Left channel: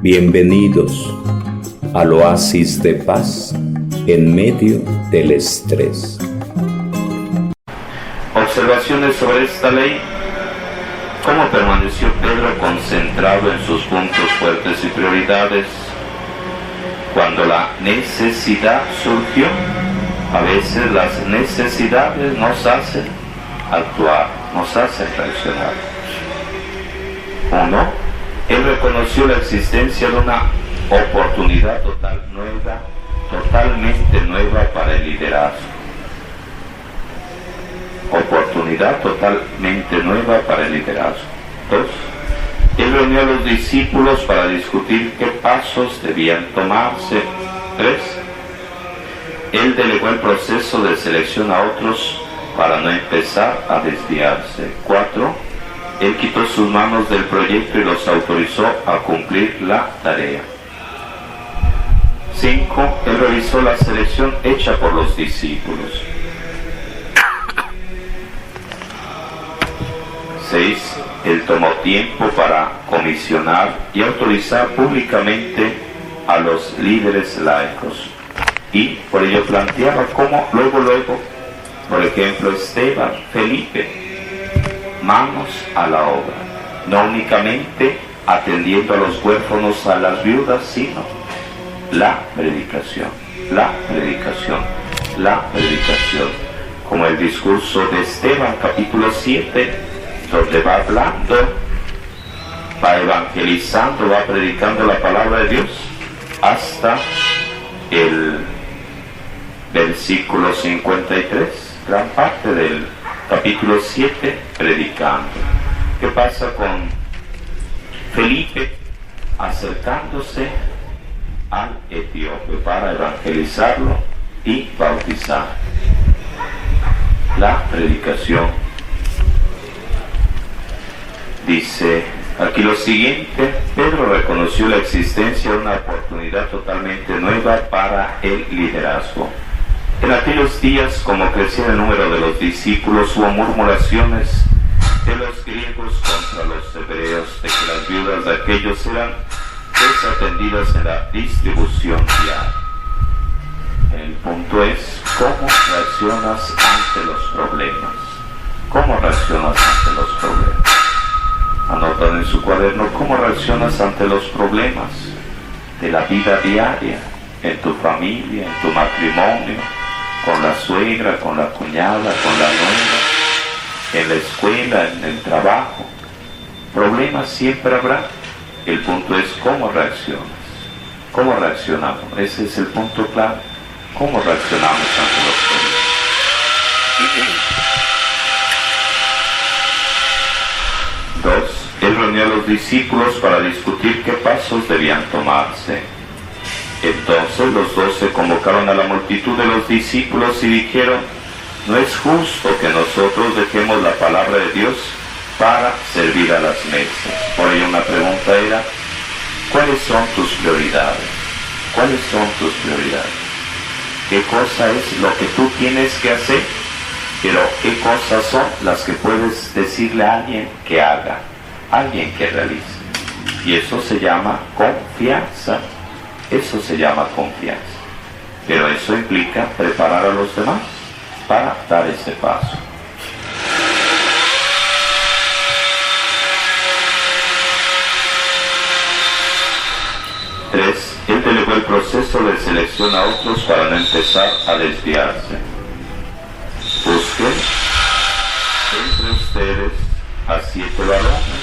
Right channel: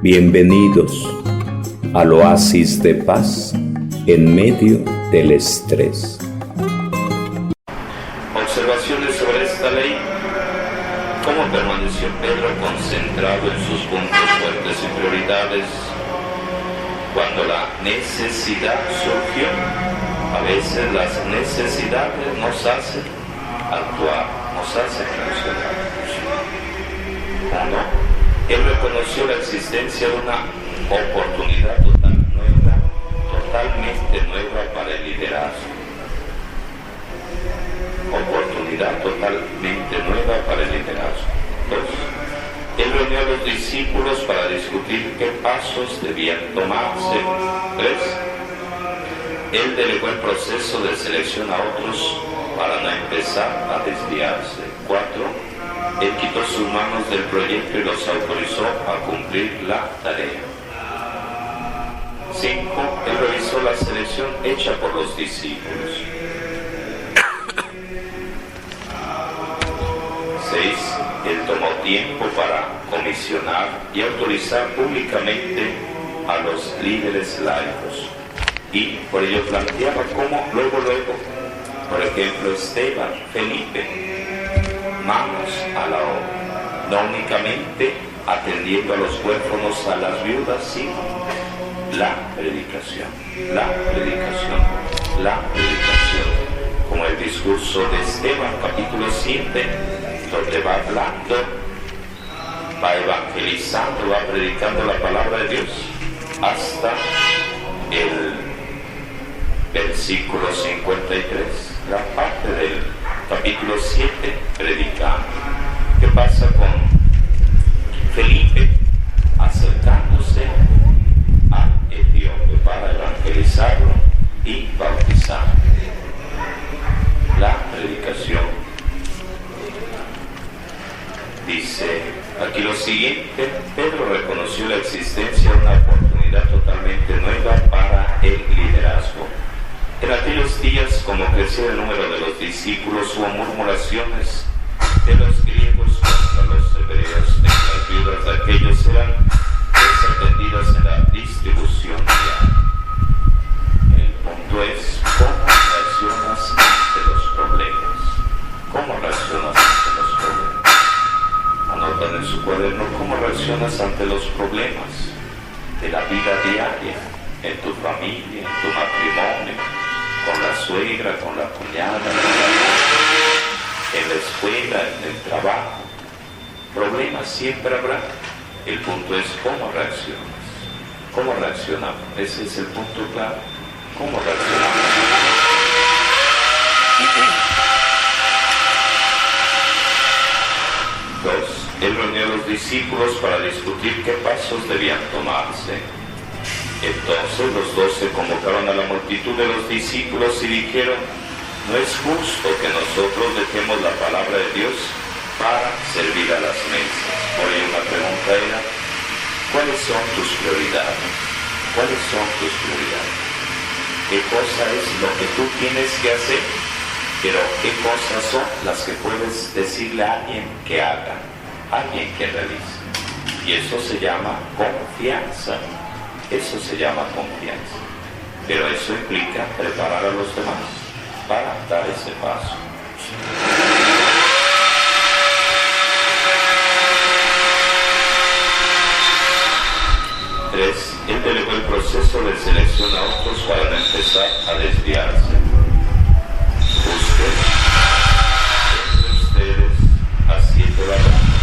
Bienvenidos al oasis de paz en medio del estrés. Observaciones sobre esta ley. ¿Cómo permaneció Pedro concentrado en sus puntos fuertes y prioridades cuando la necesidad surgió? A veces las necesidades nos hacen actuar, nos hacen reaccionar. 1. Él reconoció la existencia de una oportunidad totalmente nueva para el liderazgo. Oportunidad totalmente nueva para el liderazgo. 2. Él reunió a los discípulos para discutir qué pasos debían tomarse. 3. Él delegó el proceso de selección a otros para no empezar a desviarse. 4. Él quitó sus manos del proyecto y los autorizó a cumplir la tarea. 5. Él revisó la selección hecha por los discípulos. 6. Él tomó tiempo para comisionar y autorizar públicamente a los líderes laicos. Y por ello planteaba cómo luego, por ejemplo, Esteban, Felipe, manos a la obra, no únicamente atendiendo a los huérfanos, a las viudas, sino la predicación, como el discurso de Esteban, capítulo 7, donde va hablando, va evangelizando, va predicando la palabra de Dios, hasta el versículo 53, gran parte del capítulo 7, predicando. ¿Qué pasa con Felipe acercándose al etíope para evangelizarlo y bautizar? La predicación. Dice aquí lo siguiente: Pedro reconoció la existencia de una oportunidad totalmente nueva para el liderazgo. En aquellos días, como crecía el número de los discípulos, hubo murmuraciones de los griegos contra los hebreos, de que las viudas de aquellos eran desatendidas en la distribución diaria. El punto es, ¿cómo reaccionas ante los problemas? ¿Cómo reaccionas ante los problemas? Anotan en su cuaderno cómo reaccionas ante los problemas de la vida diaria, en tu familia, en tu matrimonio, con la suegra, con la cuñada, con la nuera, en la escuela, en el trabajo. Problemas siempre habrá. El punto es cómo reaccionas. ¿Cómo reaccionamos? Ese es el punto clave. ¿Cómo reaccionamos ante los problemas? 2. Él reunió a los discípulos para discutir qué pasos debían tomarse. Entonces los 12 convocaron a la multitud de los discípulos y dijeron: no es justo que nosotros dejemos la palabra de Dios para servir a las mesas. Por ello una pregunta era: ¿cuáles son tus prioridades? ¿Cuáles son tus prioridades? ¿Qué cosa es lo que tú tienes que hacer? Pero ¿qué cosas son las que puedes decirle a alguien que haga, alguien que realice? Y eso se llama confianza. Eso se llama confianza. Pero eso implica preparar a los demás para dar ese paso. Él delegó el proceso de selección a otros para no empezar a desviarse. Busquen entre ustedes a 7 varones,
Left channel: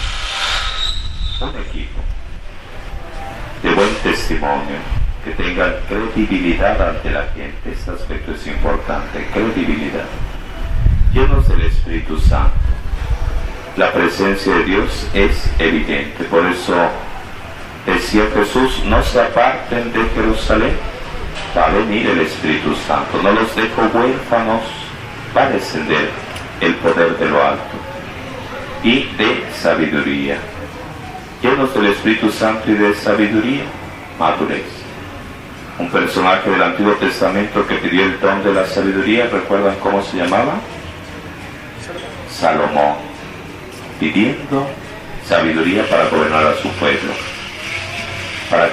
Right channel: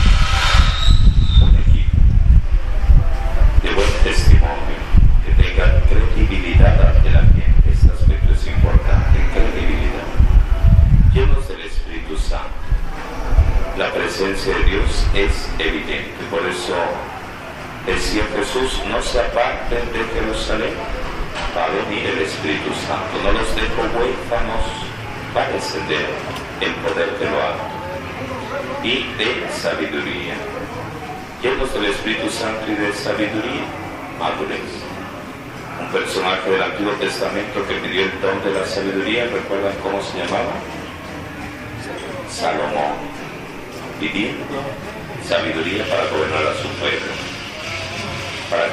un equipo de buen testimonio, que tengan credibilidad ante la gente. Este aspecto es importante, credibilidad, llenos del Espíritu Santo. La presencia de Dios es evidente. Por eso decía Jesús: no se aparten de Jerusalén, va a venir el Espíritu Santo, no los dejo huérfanos, va a descender el poder de lo alto. Y de sabiduría, llenos del Espíritu Santo y de sabiduría, madurez. Un personaje del Antiguo Testamento que pidió el don de la sabiduría, ¿recuerdan cómo se llamaba? Salomón, pidiendo sabiduría para gobernar a su pueblo.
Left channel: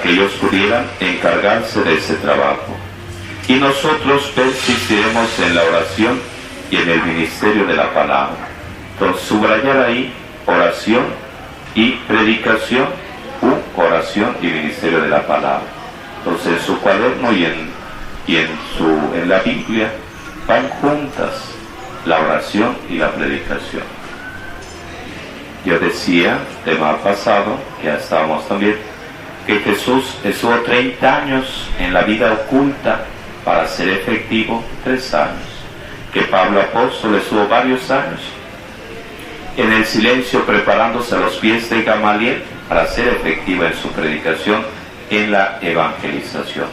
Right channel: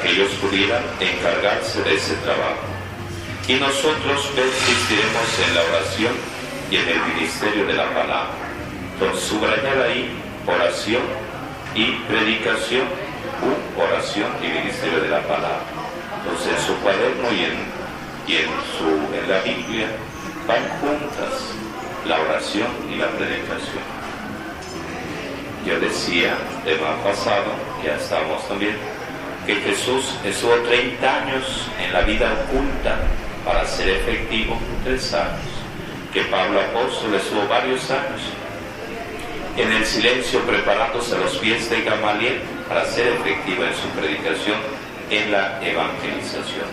que ellos pudieran encargarse de ese trabajo. Y nosotros persistiremos en la oración y en el ministerio de la palabra. Entonces, subrayar ahí oración y predicación, oración y ministerio de la palabra. Entonces, en su cuaderno y en la Biblia van juntas la oración y la predicación. Yo decía, tema pasado, que ya estábamos también, que Jesús estuvo 30 años en la vida oculta para ser efectivo 3 años. Que Pablo apóstol estuvo varios años en el silencio preparándose a los pies de Gamaliel para ser efectivo en su predicación, en la evangelización.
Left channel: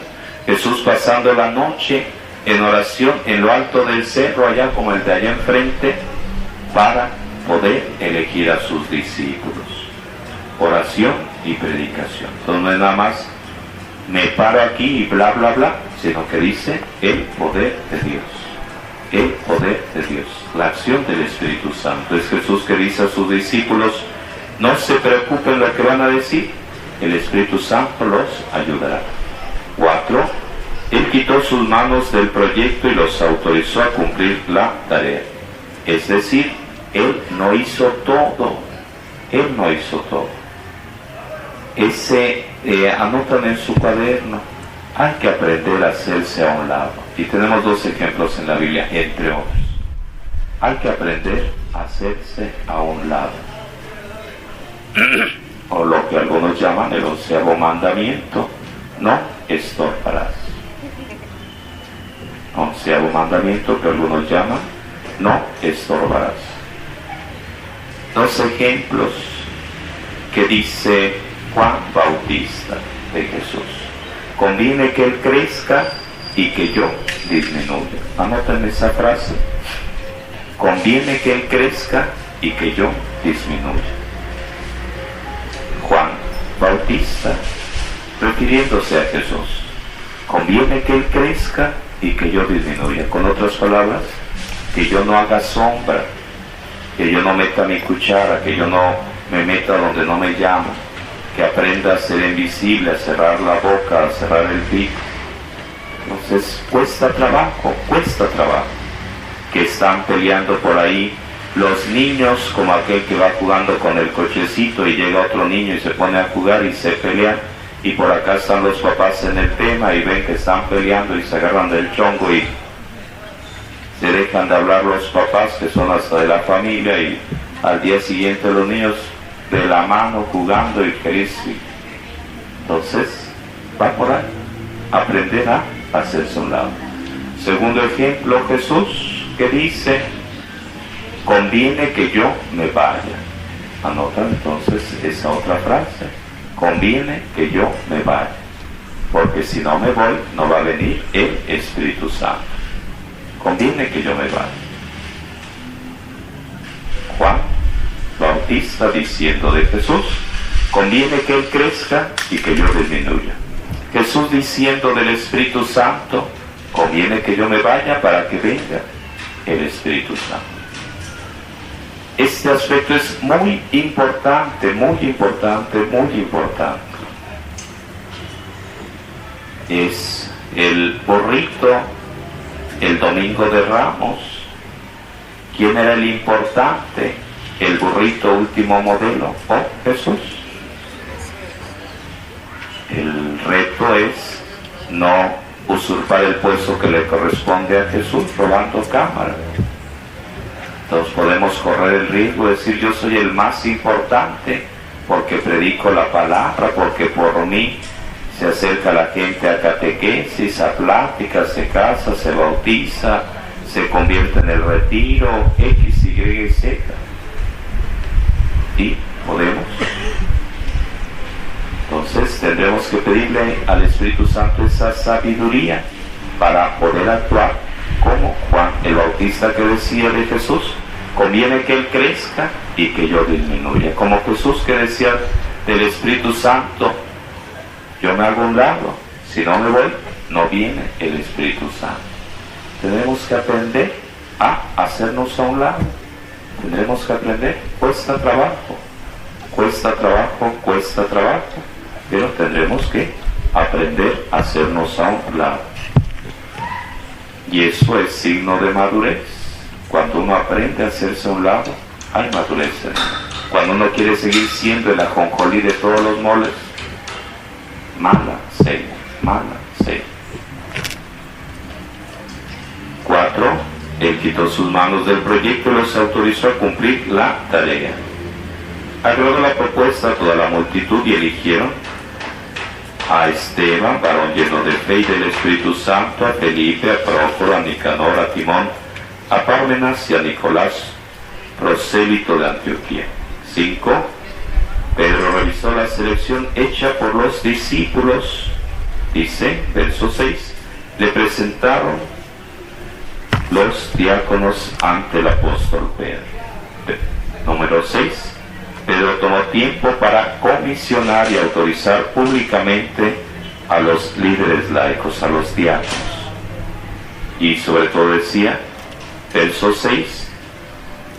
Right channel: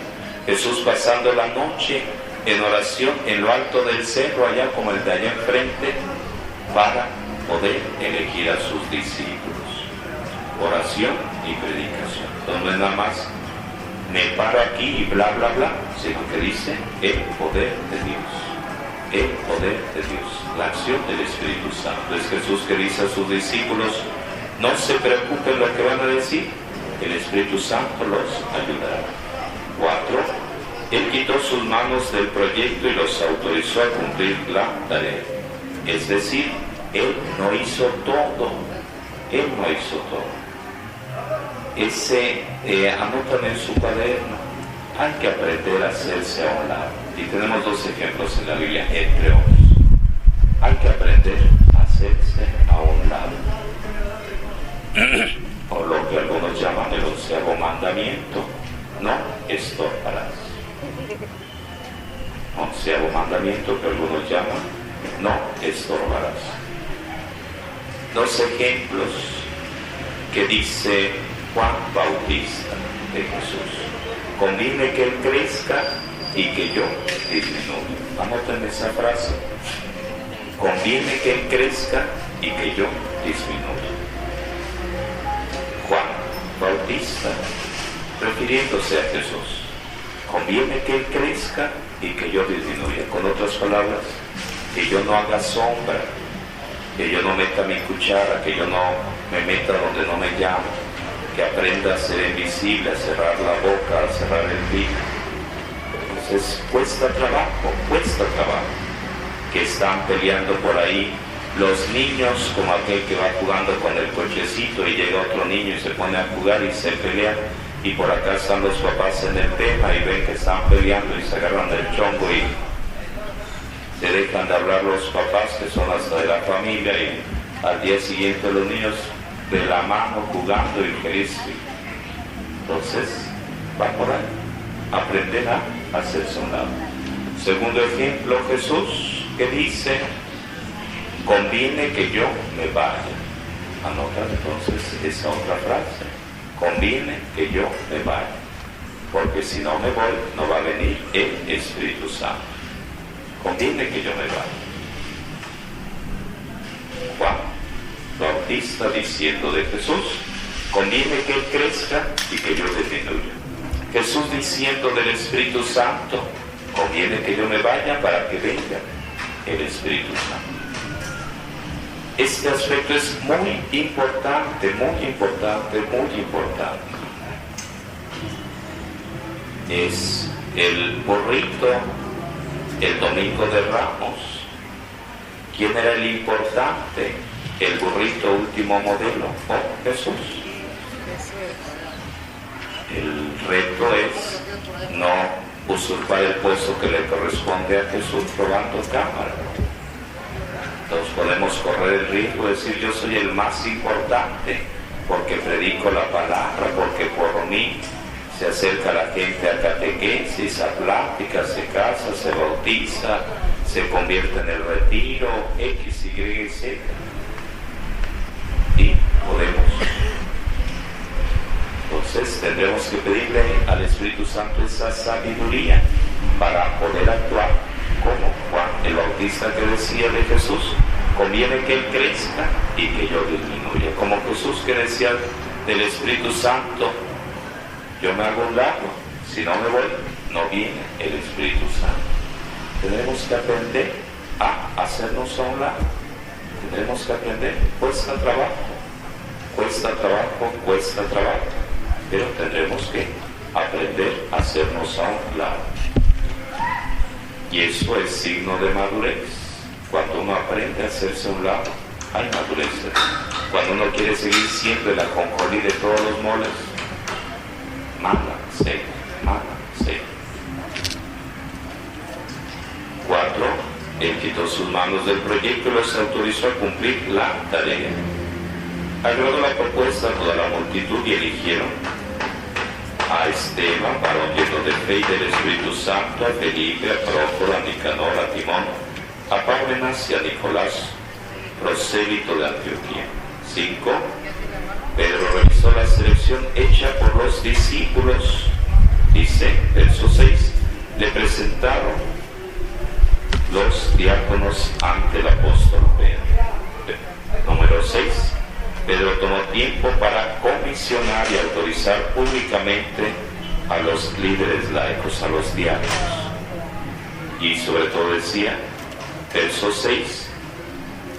Jesús pasando la noche en oración en lo alto del cerro, allá como el de allá enfrente, para poder elegir a sus discípulos. Oración y predicación. Entonces no es nada más me paro aquí y bla bla bla, sino que dice el poder de Dios. El poder de Dios, la acción del Espíritu Santo. Es Jesús que dice a sus discípulos, no se preocupen lo que van a decir, el Espíritu Santo los ayudará. 4. Él quitó sus manos del proyecto y los autorizó a cumplir la tarea. Es decir, Él no hizo todo. Él no hizo todo. Anotan en su cuaderno, hay que aprender a hacerse a un lado. Y tenemos 2 ejemplos en la Biblia, entre otros. Hay que aprender a hacerse a un lado. O lo que algunos llaman el 11º mandamiento, no estorbarás. 11º mandamiento que algunos llaman, no estorbarás. 2 ejemplos que dice Juan Bautista de Jesús. Conviene que Él crezca y que yo disminuya. Anoten esa frase. Conviene que Él crezca y que yo disminuya. Juan Bautista, refiriéndose a Jesús. Conviene que Él crezca y que yo disminuya. Con otras palabras, que yo no haga sombra, que yo no meta mi cuchara, que yo no me meta donde no me llamo, que aprenda a ser invisible, a cerrar la boca, a cerrar el pico. Entonces cuesta trabajo, que están peleando por ahí los niños, como aquel que va jugando con el cochecito y llega otro niño y se pone a jugar y se pelea, y por acá están los papás en el tema y ven que están peleando y se agarran del chongo y se dejan de hablar los papás, que son hasta de la familia, y al día siguiente los niños de la mano jugando y feliz. Entonces va por ahí, aprender a hacerse a un lado. Segundo ejemplo, Jesús, que dice, conviene que yo me vaya. Anotan entonces esa otra frase, conviene que yo me vaya, porque si no me voy, no va a venir el Espíritu Santo. Conviene que yo me vaya. Juan Bautista diciendo de Jesús, conviene que Él crezca y que yo disminuya. Jesús diciendo del Espíritu Santo, conviene que yo me vaya para que venga el Espíritu Santo. Este aspecto es muy importante, muy importante, muy importante. Es el burrito, el domingo de Ramos. ¿Quién era el importante? El burrito último modelo, ¿o Jesús? El reto es no usurpar el puesto que le corresponde a Jesús robando cámara. Entonces podemos correr el riesgo de decir, yo soy el más importante porque predico la palabra, porque por mí se acerca la gente a catequesis, a pláticas, se casa, se bautiza, se convierte en el retiro, X, Y y Z. Y podemos. Entonces tendremos que pedirle al Espíritu Santo esa sabiduría para poder actuar como Juan el Bautista, que decía de Jesús, conviene que Él crezca y que yo disminuya. Como Jesús, que decía del Espíritu Santo, yo me hago a un lado, si no me voy, no viene el Espíritu Santo. Tenemos que aprender a hacernos a un lado. Tendremos que aprender, cuesta trabajo, pero tendremos que aprender a hacernos a un lado. Y eso es signo de madurez. Cuando uno aprende a hacerse a un lado, hay madurez. Cuando uno quiere seguir siendo el ajonjolí de todos los moles, mala seña, mala seña. 4. Él quitó sus manos del proyecto y los autorizó a cumplir la tarea. Agradó la propuesta a toda la multitud y eligieron a Esteban, varón lleno de fe y del Espíritu Santo, a Felipe, a Prócoro, a Nicanor, a Timón, a Pármenas y a Nicolás, prosélito de Antioquía. 5. Pedro revisó la selección hecha por los discípulos. Dice, verso 6, le presentaron los diáconos ante el apóstol Pedro. Número 6. Pedro tomó tiempo para comisionar y autorizar públicamente a los líderes laicos, a los diáconos. Y sobre todo decía, verso 6,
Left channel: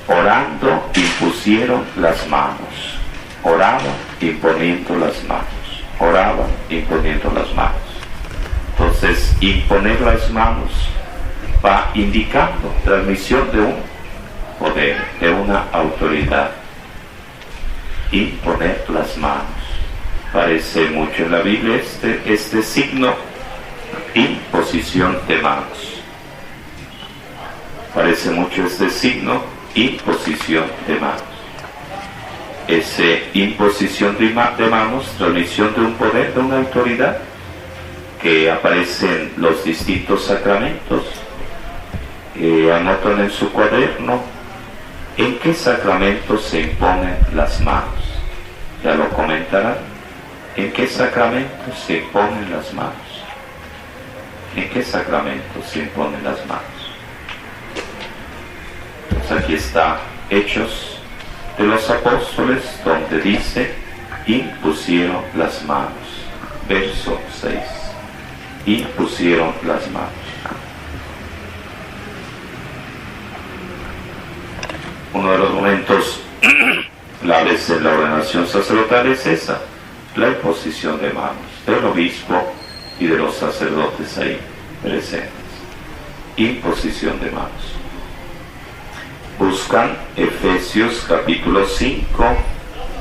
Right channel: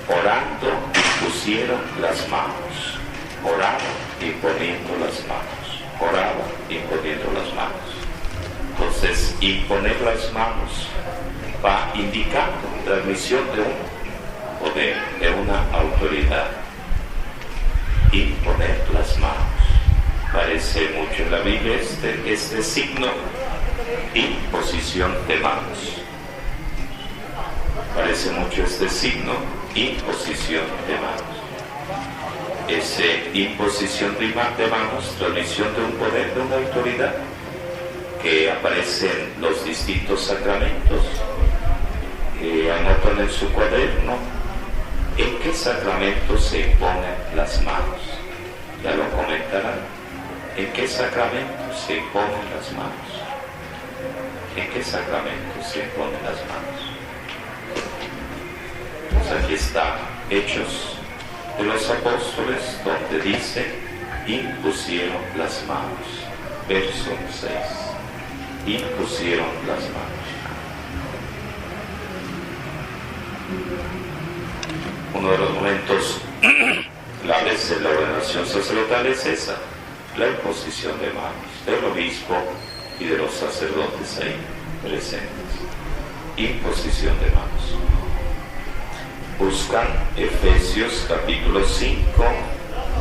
orando impusieron las manos. Oraban imponiendo las manos. Oraban imponiendo las manos. Entonces, imponer las manos va indicando transmisión de un poder, de una autoridad. Imponer las manos. Parece mucho en la Biblia este signo, imposición de manos. Parece mucho este signo, imposición de manos. Ese imposición de manos, transmisión de un poder, de una autoridad, que aparece en los distintos sacramentos. Anotan en su cuaderno en qué sacramento se imponen las manos. Ya lo comentarán. ¿En qué sacramento se imponen las manos? ¿En qué sacramento se imponen las manos? Pues aquí está Hechos de los Apóstoles, donde dice, impusieron las manos. Verso 6. Impusieron las manos. Uno de los momentos claves en la ordenación sacerdotal es esa, la imposición de manos del obispo y de los sacerdotes ahí presentes. Imposición de manos. Buscan Efesios capítulo 5,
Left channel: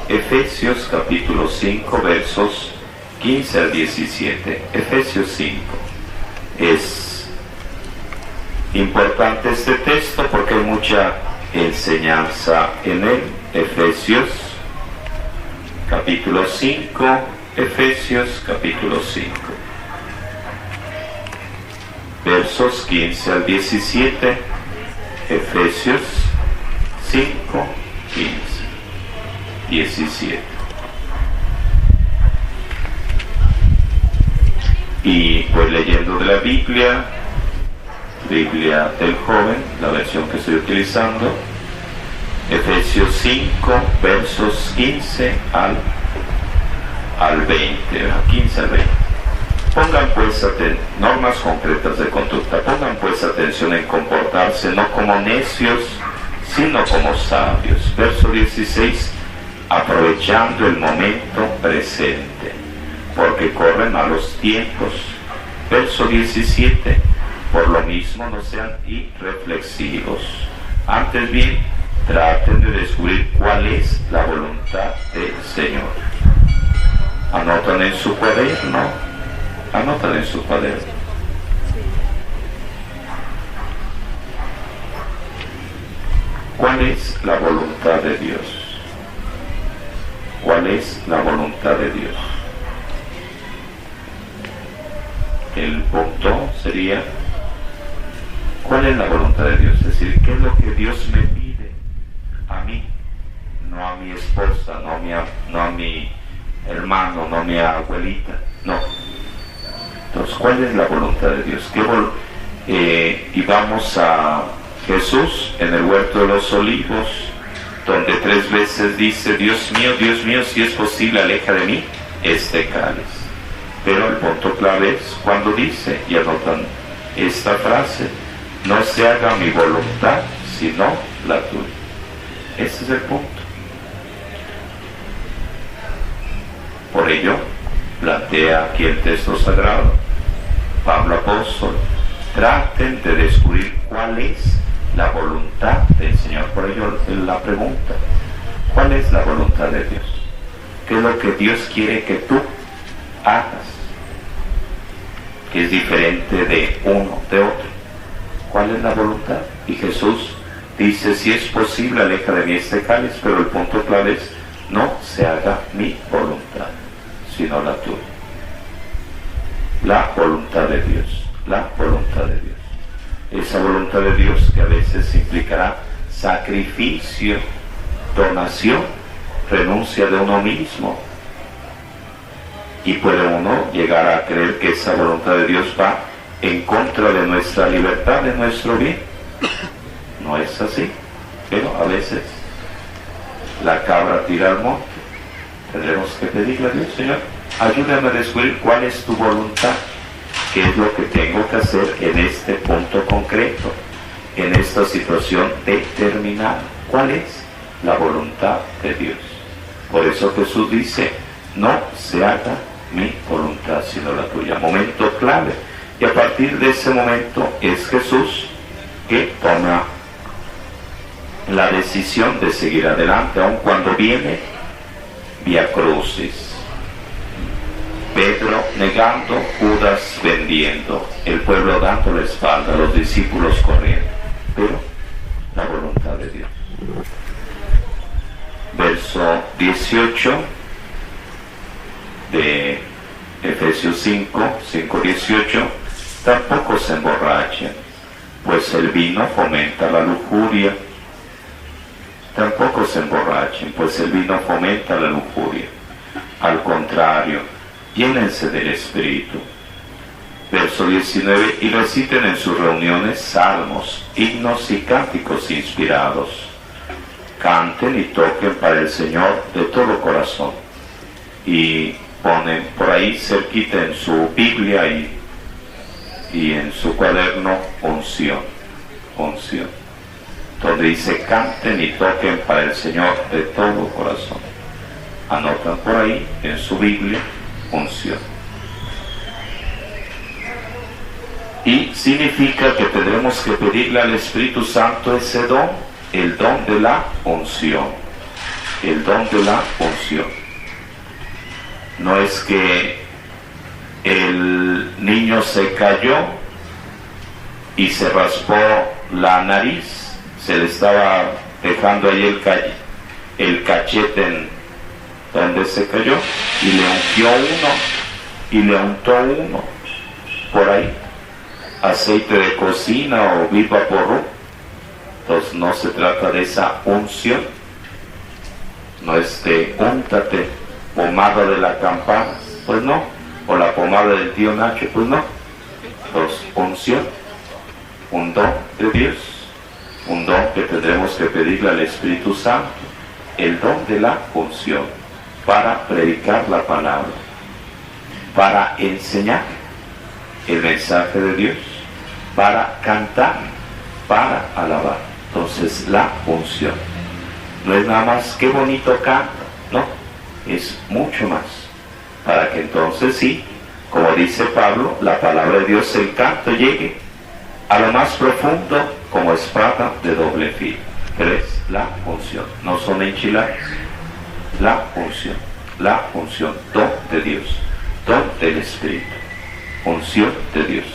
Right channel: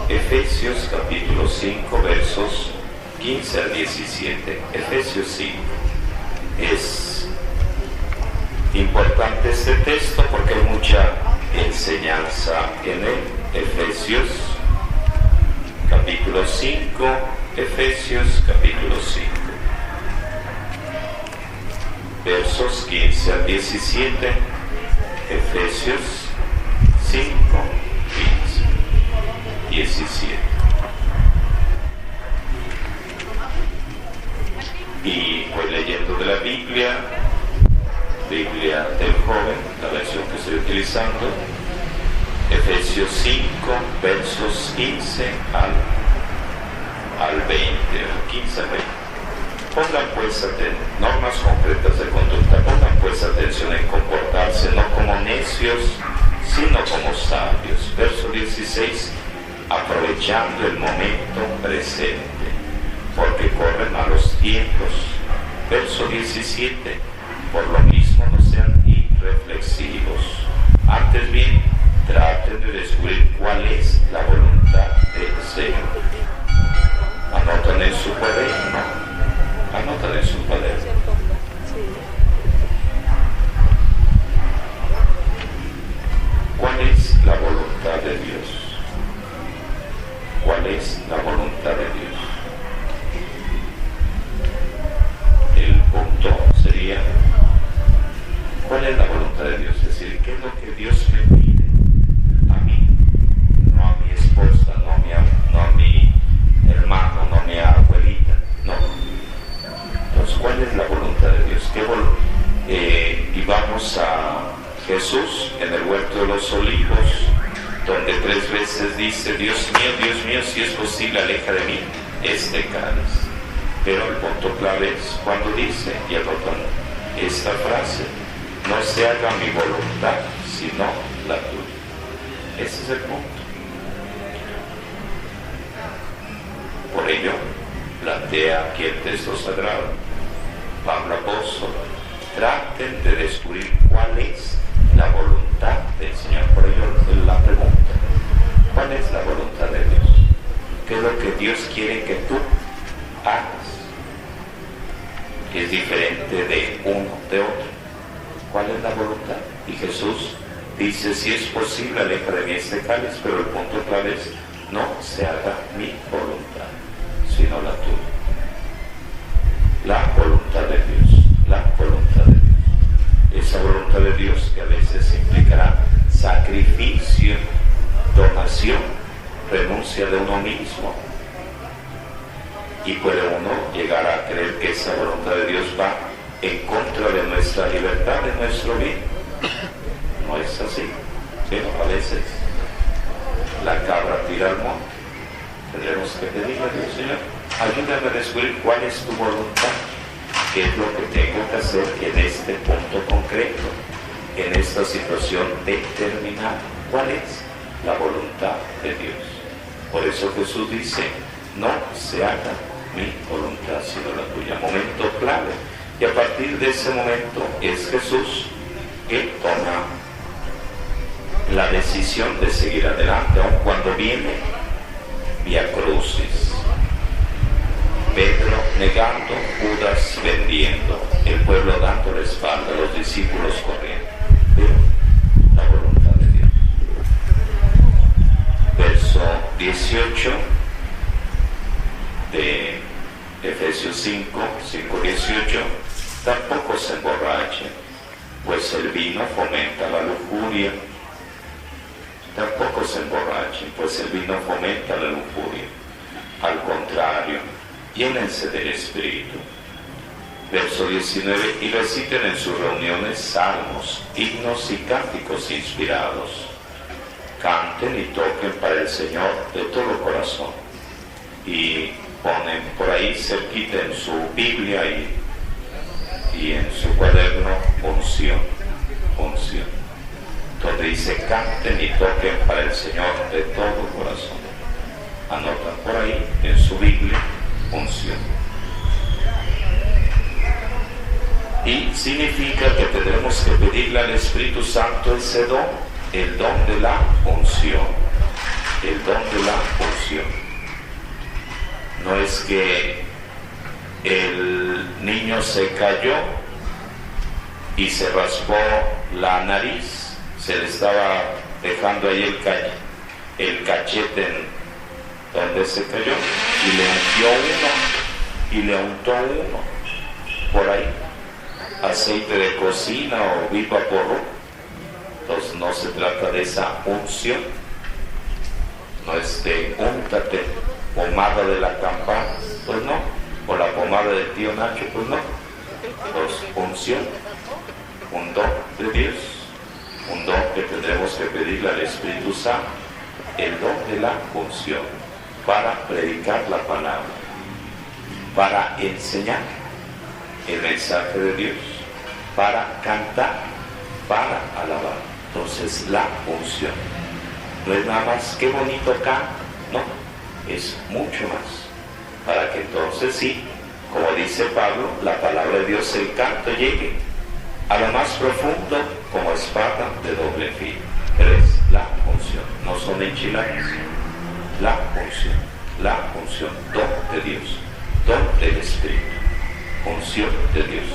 Efesios capítulo 5, versos 15 al 17. Efesios 5. Es importante este texto porque hay mucha enseñanza en él. Efesios capítulo 5, Efesios capítulo 5, versos 15 al 17. Efesios 5, 15, 17. Y pues leyendo de la Biblia del joven, la versión que estoy utilizando, Efesios 5, versos 15 al 20, 15 al 20. Pongan pues normas concretas de conducta, pongan pues atención en comportarse no como necios, sino como sabios. Verso 16, aprovechando el momento presente, porque corren malos tiempos. Verso 17, por lo mismo no sean irreflexivos, antes bien traten de descubrir cuál es la voluntad del Señor. Anotan en su cuaderno. Anotan en su cuaderno. ¿Cuál es la voluntad de Dios? ¿Cuál es la voluntad de Dios? El punto sería, ¿cuál es la voluntad de Dios? Es decir, ¿qué es lo que Dios me pide a mí? No a mi esposa, no a mi hermano, no a mi abuelita, no. Entonces, ¿cuál es la voluntad de Dios? Y vamos a Jesús en el huerto de los olivos, donde 3 veces dice, Dios mío, si es posible, aleja de mí este cáliz. Pero el punto clave es cuando dice, y anotan esta frase, no se haga mi voluntad, sino la tuya. Ese es el punto. Por ello, plantea aquí el texto sagrado, Pablo apóstol, traten de descubrir cuál es la voluntad del Señor. Por ello la pregunta, ¿cuál es la voluntad de Dios? ¿Qué es lo que Dios quiere que tú hagas? Que es diferente de uno, de otro. ¿Cuál es la voluntad? Y Jesús dice, si es posible, aleja de mí este cáliz, pero el punto clave es, no se haga mi voluntad, sino la tuya. La voluntad de Dios, la voluntad de Dios. Esa voluntad de Dios que a veces implicará sacrificio, donación, renuncia de uno mismo. Y puede uno llegar a creer que esa voluntad de Dios va en contra de nuestra libertad, de nuestro bien. No es así, pero a veces la cabra tira al monte. Tendremos que pedirle a Dios, Señor, ayúdame a descubrir cuál es tu voluntad, qué es lo que tengo que hacer en este punto concreto, en esta situación determinada. ¿Cuál es la voluntad de Dios? Por eso Jesús dice, no se haga mi voluntad sino la tuya. Momento clave. Y a partir de ese momento es Jesús que toma la decisión de seguir adelante, aun cuando viene vía crucis. Pedro negando, Judas vendiendo, el pueblo dando la espalda, los discípulos corriendo. Pero la voluntad de Dios. Verso 18 de Efesios 5:18, tampoco se emborrachen, pues el vino fomenta la lujuria. Tampoco se emborrachen, pues el vino fomenta la lujuria. Al contrario, llénense del Espíritu. Verso 19, y reciten en sus reuniones salmos, himnos y cánticos inspirados. Canten y toquen para el Señor de todo corazón. Y ponen por ahí cerquita en su Biblia y en su cuaderno unción, donde dice canten y toquen para el Señor de todo corazón. Anotan por ahí en su Biblia unción. Y significa que tendremos que pedirle al Espíritu Santo ese don, el don de la unción, el don de la unción. No es que el niño se cayó y se raspó la nariz, se le estaba dejando ahí el cachete en donde se cayó, y le ungió uno, y le untó uno por ahí, aceite de cocina o viva porro. Entonces no se trata de esa unción, no es de úntate pomada de la campana, pues no, o la pomada del tío Nacho, pues no. Entonces unción, un don de Dios, un don que tendremos que pedirle al Espíritu Santo, el don de la unción, para predicar la palabra, para enseñar el mensaje de Dios, para cantar, para alabar. Entonces la unción no es nada más qué bonito canta, no, es mucho más, para que entonces sí, como dice Pablo, la palabra de Dios, el canto llegue a lo más profundo como espada de doble filo. Pero es la unción, no son enchiladas. La unción, don de Dios, don del Espíritu, unción de Dios.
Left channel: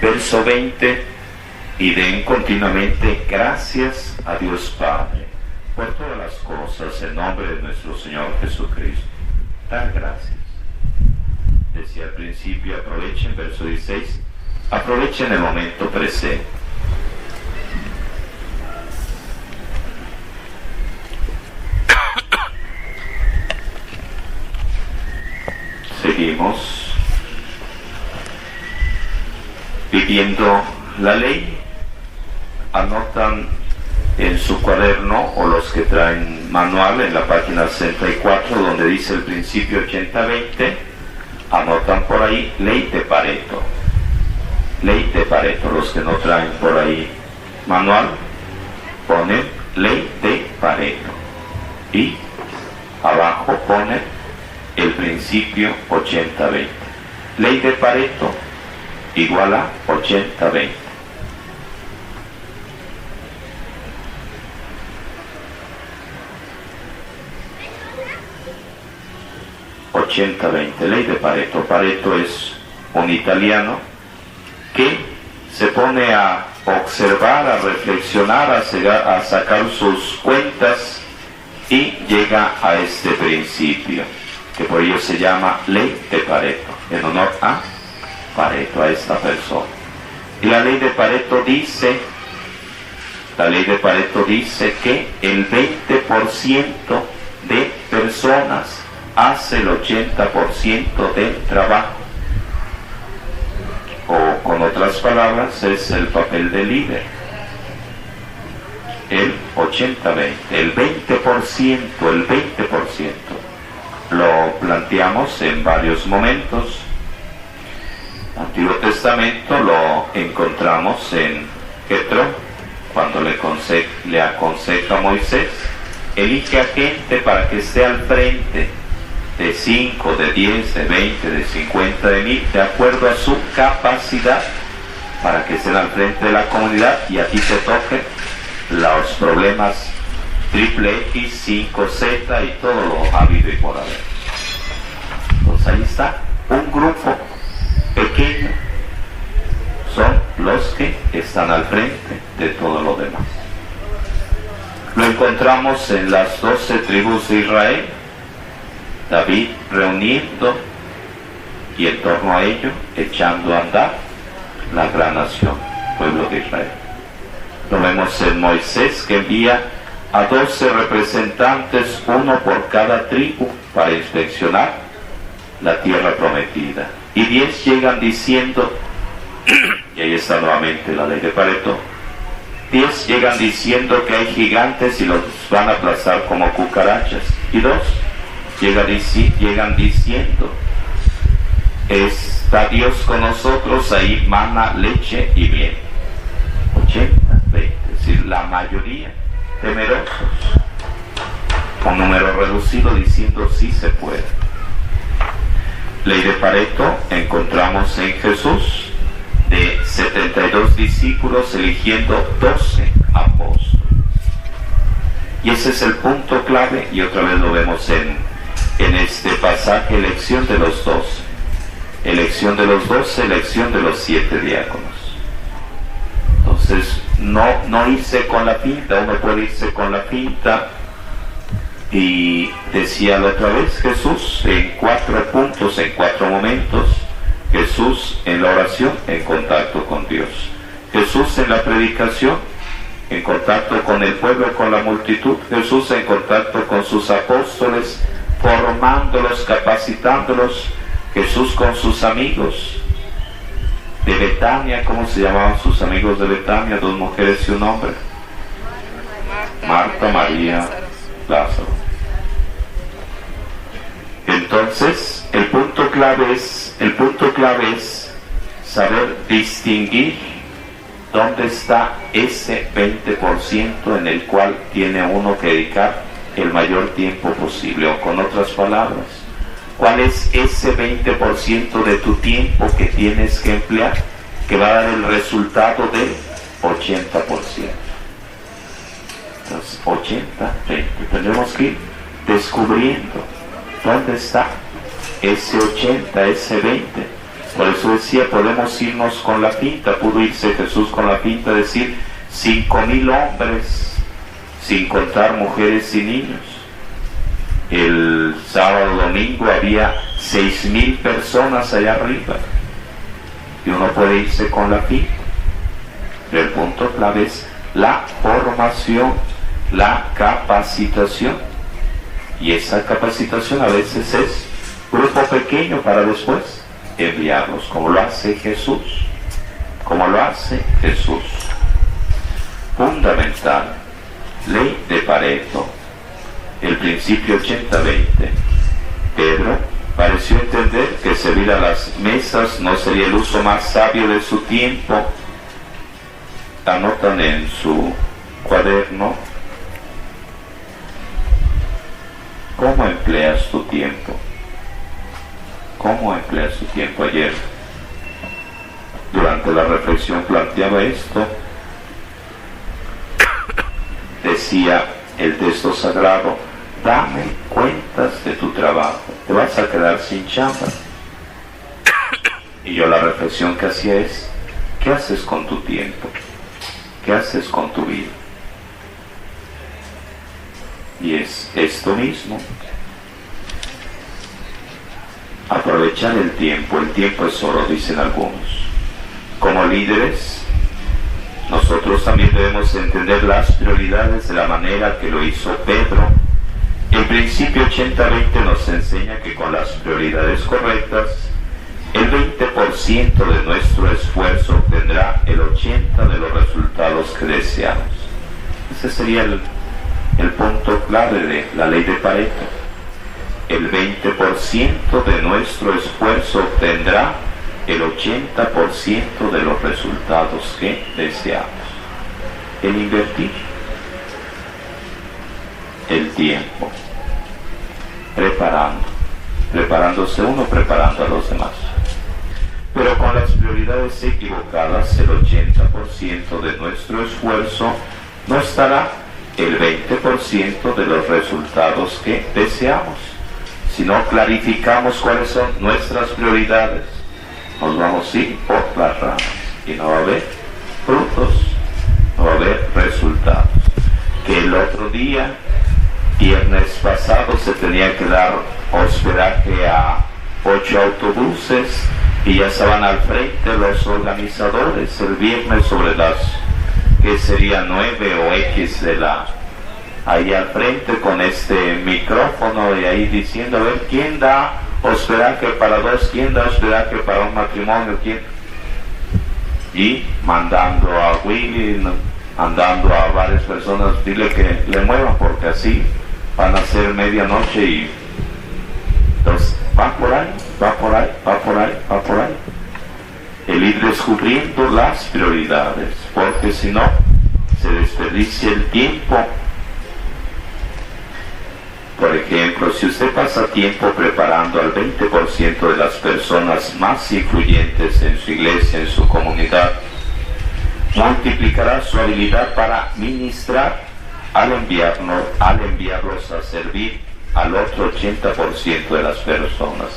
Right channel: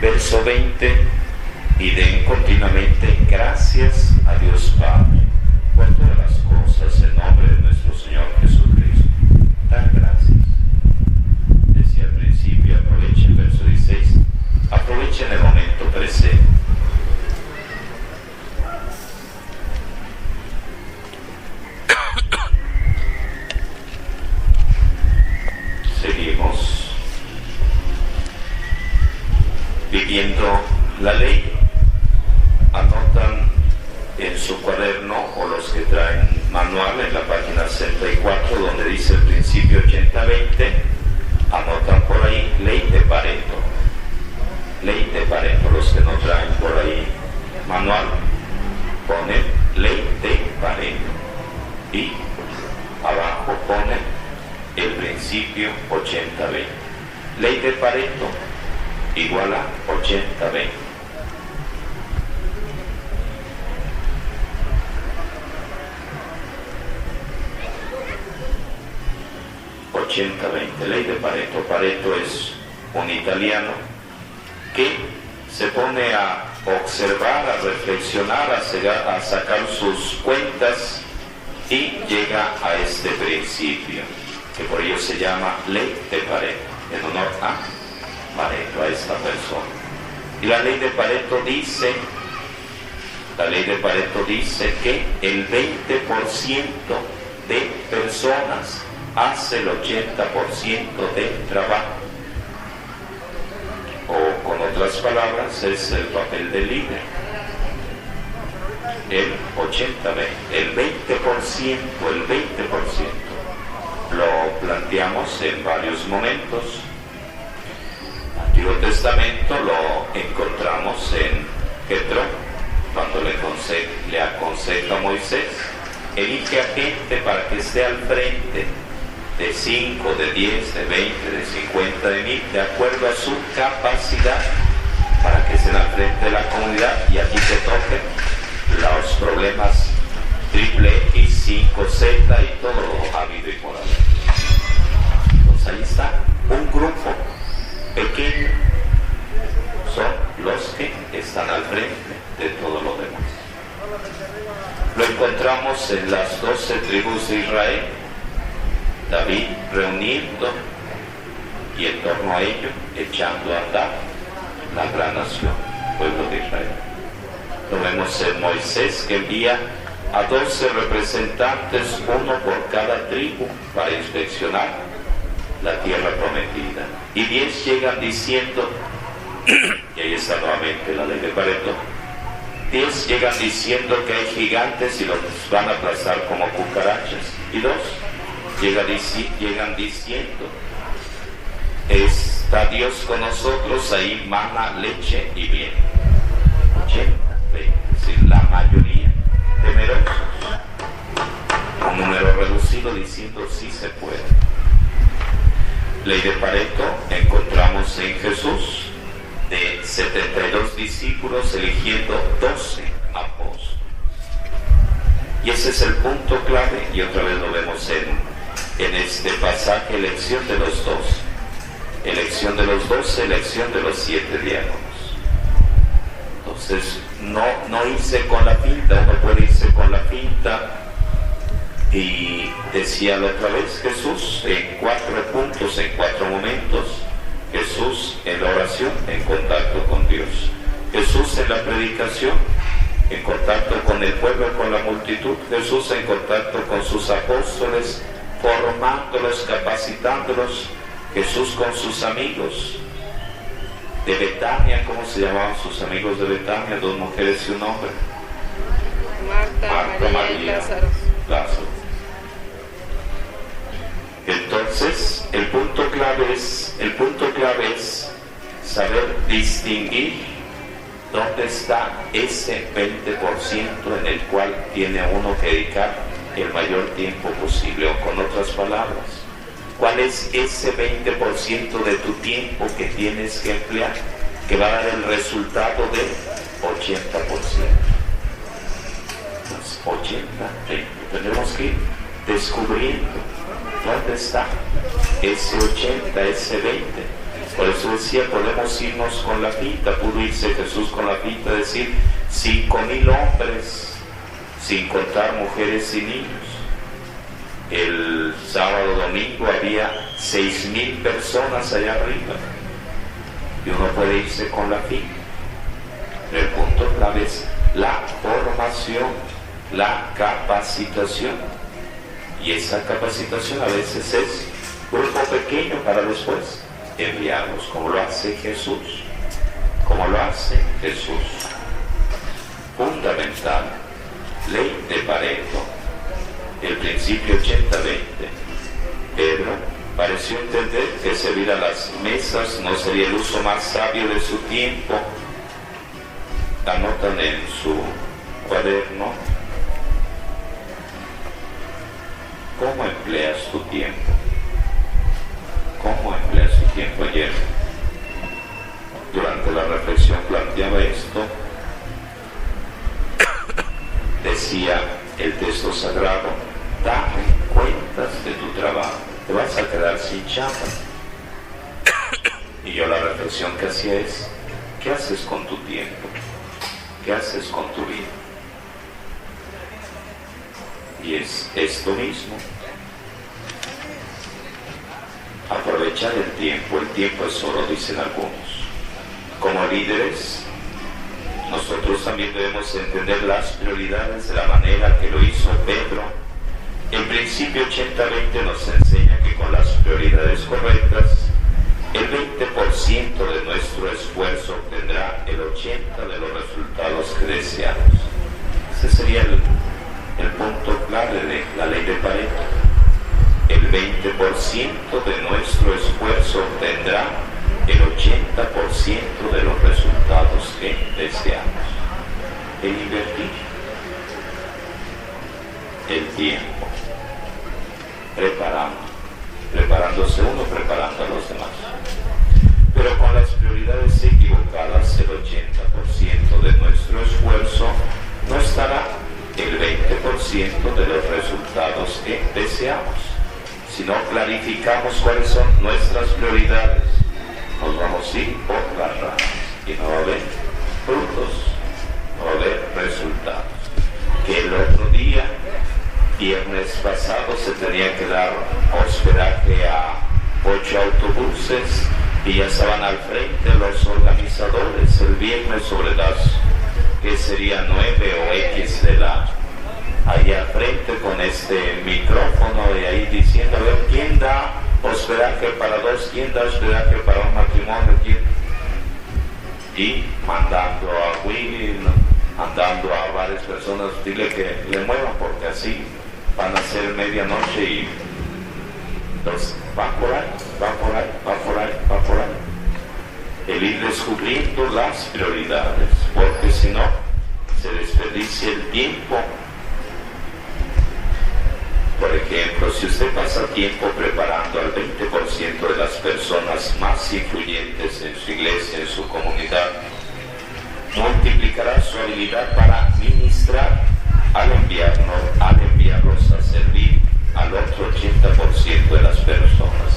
Verso 20, y den continuamente gracias a Dios Padre por todas las cosas en nombre de nuestro Señor Jesucristo. Dan gracias. Decía al principio, aprovechen, verso 16, aprovechen el momento presente. Seguimos viviendo la ley. Anotan en su cuaderno, o los que traen manual, en la página 64, donde dice el principio 80-20, anotan por ahí ley de Pareto. Ley de Pareto. Los que no traen por ahí manual, ponen ley de Pareto. Y abajo ponen el principio 80-20. Ley de Pareto igual a 80-20. Ley de Pareto. Pareto es un italiano que se pone a observar, a reflexionar, a sacar sus cuentas y llega a este principio, que por ello se llama Ley de Pareto, en honor a Pareto, a esta persona. Y la Ley de Pareto dice que el 20% de personas hace el 80% del trabajo. O con otras palabras, es el papel del líder. El 80-20, el 20%. Lo planteamos en varios momentos. Antiguo Testamento lo encontramos en Jetro, cuando le aconseja a Moisés: elige a gente para que esté al frente de 5, de 10, de 20, de 50, de 1000, de acuerdo a su capacidad, para que estén al frente de la comunidad y a ti te toquen los problemas triple X, 5Z y todo lo habido y por haber. Entonces ahí está, un grupo pequeño son los que están al frente de todo lo demás. Lo encontramos en las 12 tribus de Israel, David reuniendo y en torno a ello echando a andar la gran nación, pueblo de Israel. Lo vemos en Moisés, que envía a 12 representantes, uno por cada tribu, para inspeccionar la tierra prometida. Y 10 llegan diciendo, y ahí está nuevamente la ley de Pareto, 10 llegan diciendo que hay gigantes y los van a aplastar como cucarachas. Y 2 llegan diciendo, está Dios con nosotros, ahí mana leche y miel. 80-20, es decir, la mayoría temerosos, con número reducido, diciendo sí se puede. Ley de Pareto encontramos en Jesús, de 72 discípulos eligiendo 12 apóstoles. Y ese es el punto clave, y otra vez lo vemos en este pasaje: elección de los 12. Elección de los 12, elección de los 7 diáconos. Entonces, no irse con la finta. Uno puede irse con la finta, y decía la otra vez Jesús en 4 puntos, en 4 momentos. Jesús en la oración, en contacto con Dios. Jesús en la predicación, en contacto con el pueblo, con la multitud. Jesús en contacto con sus apóstoles, formándolos, capacitándolos. Jesús con sus amigos de Betania. ¿Cómo se llamaban sus amigos de Betania? 2 mujeres y un hombre. Marta, María, Lázaro. Entonces, el punto clave es saber distinguir dónde está ese 20% en el cual tiene uno que dedicar el mayor tiempo posible. O con otras palabras, ¿cuál es ese 20% de tu tiempo que tienes que emplear, que va a dar el resultado del 80%? Entonces, 80-20. Tenemos que ir descubriendo dónde está ese 80, ese 20. Por eso decía, podemos irnos con la finta. Pudo irse Jesús con la finta, decir 5,000 hombres, sin contar mujeres y niños. El sábado, domingo había 6,000 personas allá arriba, y uno puede irse con la finta. Pero el punto clave es la formación, la capacitación, y esa capacitación a veces es grupo pequeño para después enviarlos, como lo hace Jesús, Fundamental, ley de Pareto, el principio 80-20. Pedro pareció entender que servir a las mesas no sería el uso más sabio de su tiempo. Anotan en su cuaderno cómo empleas tu tiempo. cómo emplea su tiempo ayer. Durante la reflexión planteaba esto. Decía el texto sagrado: dame cuentas de tu trabajo, te vas a quedar sin chamba. Y yo la reflexión que hacía es: ¿qué haces con tu tiempo? ¿Qué haces con tu vida? Y es esto mismo. Aprovechar el tiempo es oro, dicen algunos. Como líderes, nosotros también debemos entender las prioridades de la manera que lo hizo Pedro. El principio 80-20 nos enseña que con las prioridades correctas, el 20% de nuestro esfuerzo obtendrá el 80% de los resultados que deseamos. Ese sería el punto clave de la ley de Pareto. El 20% de nuestro esfuerzo obtendrá el 80% de los resultados que deseamos. El invertir el tiempo, preparándose uno, preparando a los demás. Pero con las prioridades equivocadas, el 80% de nuestro esfuerzo no estará el 20% de los resultados que deseamos. Si no clarificamos cuáles son nuestras prioridades, nos vamos a ir por las ramas y no va a haber frutos, no va a haber resultados. Que el otro día, viernes pasado, se tenía que dar hospedaje a 8 autobuses y ya estaban al frente los organizadores el viernes sobre las, que sería 9 o X de la, ahí al frente con este micrófono y ahí diciendo: a ver, ¿quién da hospedaje para dos? ¿Quién da hospedaje para un matrimonio? ¿Quién? Y mandando a Willy, mandando a varias personas, dile que le muevan porque así van a ser medianoche y entonces va por ahí. El ir descubriendo las prioridades, porque si no, se desperdicia el tiempo. Por ejemplo, si usted pasa tiempo preparando al 20% de las personas más influyentes en su iglesia, en su comunidad, multiplicará su habilidad para ministrar al enviarlos a servir al otro 80% de las personas.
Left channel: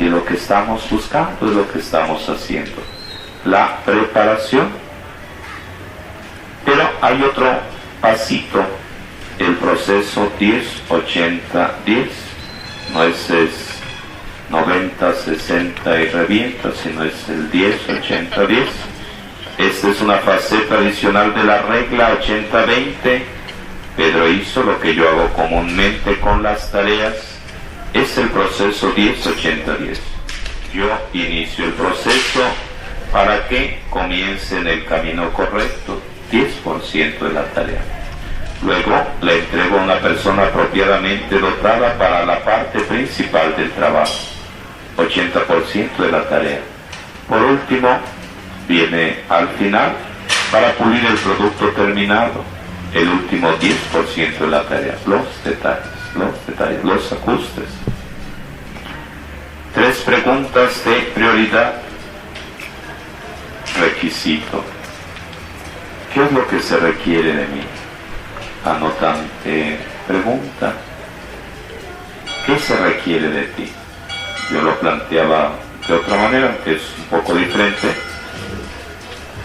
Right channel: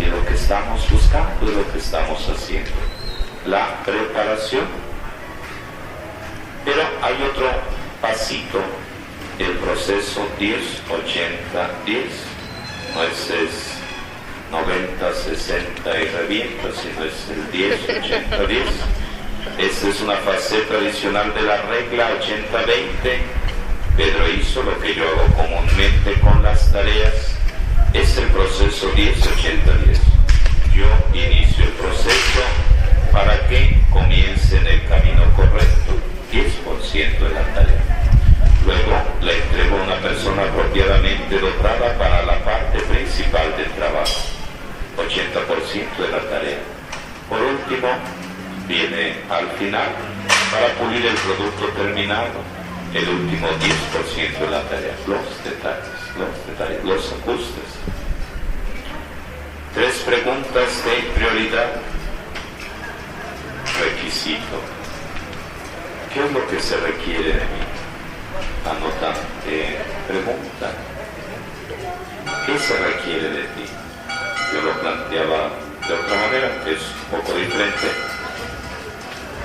Y lo que estamos buscando, es lo que estamos haciendo, la preparación. Pero hay otro pasito, el proceso 10-80-10. No es 90-60 y revienta, sino es el 10-80-10. Esta es una faceta adicional de la regla 80-20. Pedro hizo lo que yo hago comúnmente con las tareas. Es el proceso 10-80-10. Yo inicio el proceso para que comience en el camino correcto, 10% de la tarea. Luego le entrego a una persona apropiadamente dotada para la parte principal del trabajo, 80% de la tarea. Por último, viene al final para pulir el producto terminado, el último 10% de la tarea, los detalles, los ajustes. 3 preguntas de prioridad. Requisito: ¿qué es lo que se requiere de mí? Anotante pregunta: ¿qué se requiere de ti? Yo lo planteaba de otra manera, que es un poco diferente,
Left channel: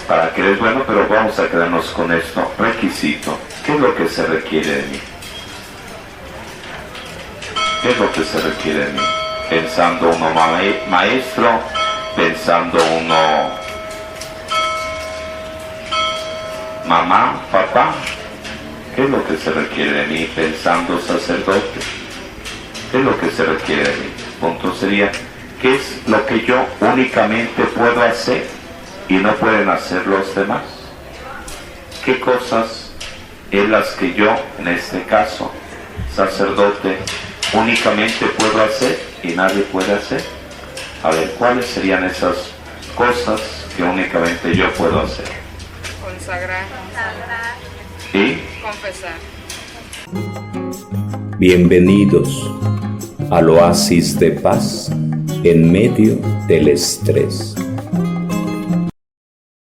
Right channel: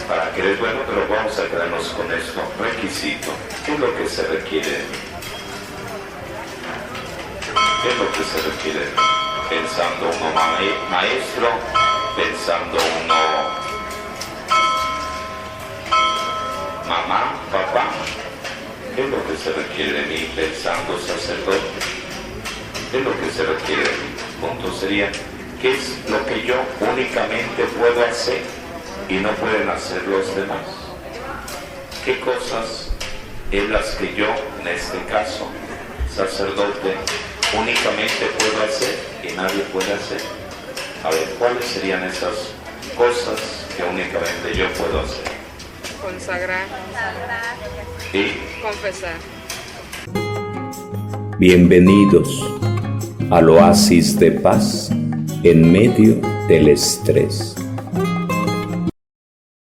para que eres bueno, pero vamos a quedarnos con esto. Requisito: ¿qué es lo que se requiere de mí? ¿Qué es lo que se requiere de mí? Pensando uno maestro, pensando uno mamá, papá. ¿Qué es lo que se requiere de mí? Pensando sacerdote. ¿Qué es lo que se requiere de mí? Punto sería: ¿qué es lo que yo únicamente puedo hacer y no pueden hacer los demás? ¿Qué cosas es las que yo, en este caso, sacerdote, únicamente puedo hacer y nadie puede hacer? A ver, ¿cuáles serían esas cosas que únicamente yo puedo hacer? Consagrar. ¿Y? Confesar. Bienvenidos al oasis de paz en medio del estrés.